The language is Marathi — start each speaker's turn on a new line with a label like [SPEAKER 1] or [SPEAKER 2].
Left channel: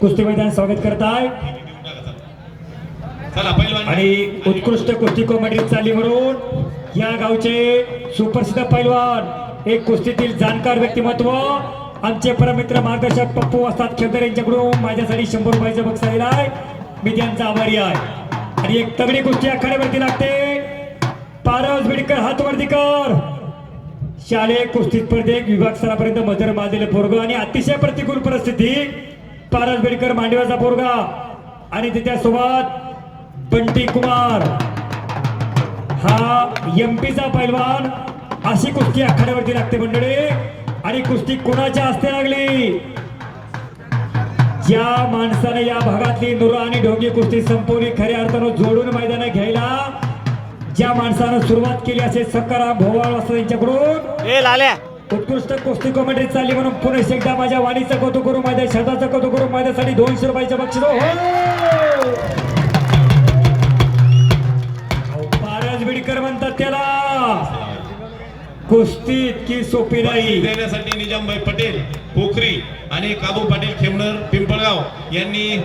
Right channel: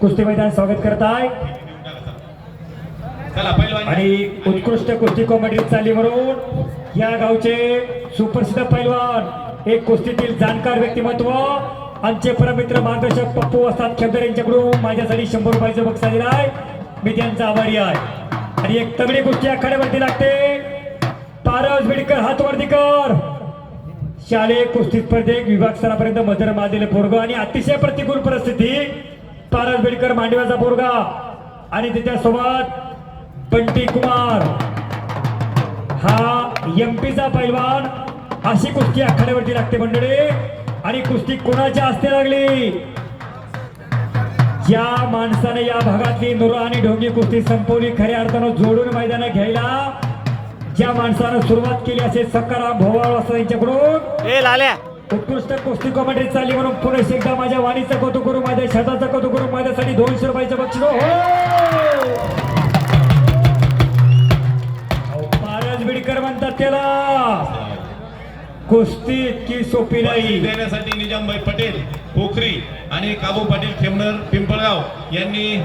[SPEAKER 1] कुस्ती मैदान स्वागत करत आहे आणि उत्कृष्ट कुस्ती कॉमेडी चालली म्हणून या गावचे सुप्रसिद्ध पैलवान एक कुस्तीतील जाणकार व्यक्तिमत्व आमचे परमित्र मार्गदर्शक पप्पू असतात खेमदार यांच्याकडून माझ्यासाठी शंभर रुपयाचं बक्षीस आलेलं आहे. मी त्यांचा आभारी आहे. आणि एक तगडी कुस्ती आखाड्यावरती लागते. पारस बिडकर हातवरती कर. शालेय कुस्ती स्पर्धेत विभाग स्तरापर्यंत मजर माजलेले पोरगा आणि अतिशय प्रतिकूल परिस्थिती. पारस बेडकर मांडव्याचा पोरगा. आणि त्याच्यासोबत बंटी कुमार. हा एमपीचा पैलवान. अशी कुस्ती आखाड्यावरती लागते मंडळी. आणि कुस्ती कोणाच्या हस्ते लागली? ज्या माणसाने या भागातली नुरा आणि ढोंगी कुस्ती संपवली. खऱ्या अर्थानं जोडून मैदानं घ्यायला. ज्या माणसानं सुरुवात केली असे सकाराम भोवळ असं यांच्याकडून. उत्कृष्ट कुस्ती कॉमेडी चालली म्हणून पुन्हा एकदा माझ्या वाणीचं कौतुक करू. माझ्या शब्दाचं कौतुक करू दोनशे रुपयाचं बक्षीस. हो. महाराज बिडकर म्हणतात त्याला. कुस्ती इतकी सोपी नाही.
[SPEAKER 2] देण्यासाठी निजामभाई पटेल पोखरी आणि काबू पाटील खेमनर पिंपळगाव यांनी